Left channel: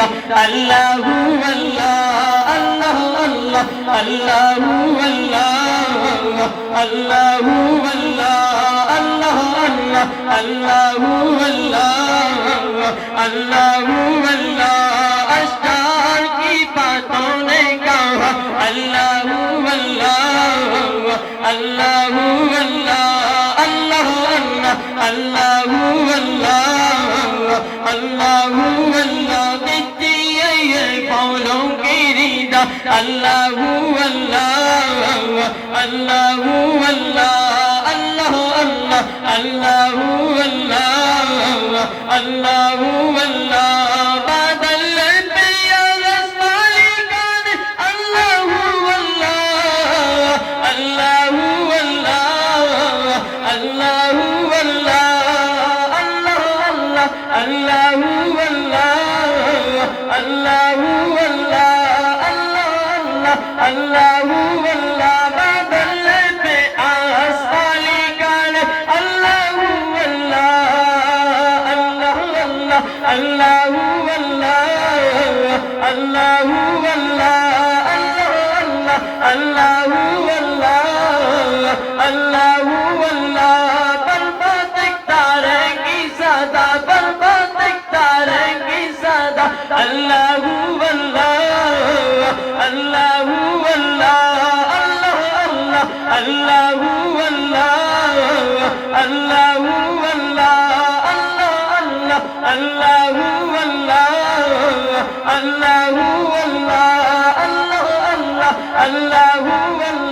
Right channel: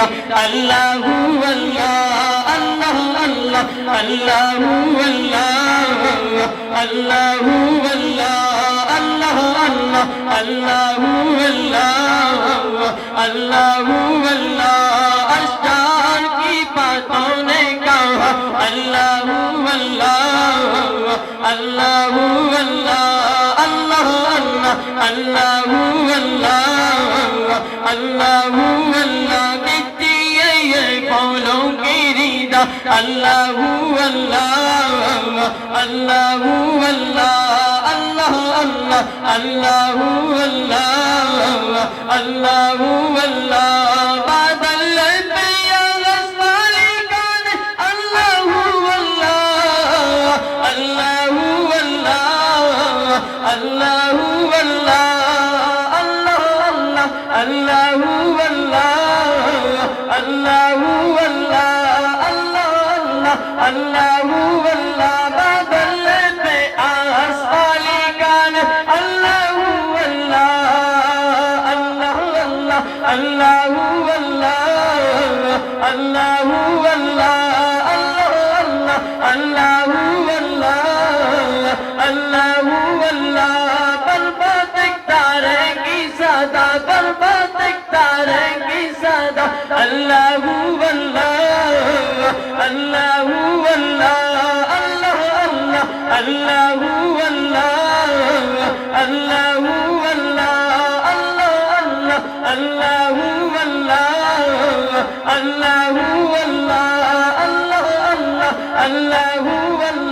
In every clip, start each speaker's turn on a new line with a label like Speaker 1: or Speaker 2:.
Speaker 1: الله الله هو الله الله الله الله هو الله الله الله الله الله الله هو الله الله هو الله الله الله الله الله الله الله الله الله পলঙ্কের আল্লাহু আল্লাহ আল্লাহু আল্লাহ আল্লাহ আল্লাহ আল্লাহু আল্লাহ আল্লাহু আল্লাহ। الله الله আল্লাহ আল্লাহ আল্লাহ আল্লাহ আল্লাহ আল্লাহ, বাদল পে আসমানি গান আল্লাহ আল্লাহ আল্লাহ আল্লাহ আল্লাহ আল্লাহ আল্লাহ আল্লাহ আল্লাহ আল্লাহ আল্লাহ सदा बर्बाद तारेंगी सदा अल्लाह अल्लाह अल्लाह अल्लाह अल्लाह अल्लाह अल्लाह अल्लाह अल्लाह अल्लाह अल्लाह अल्लाह अल्लाह अल्लाह अल्लाह अल्लाह अल्लाह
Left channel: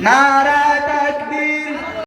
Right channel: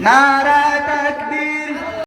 Speaker 2: Narada.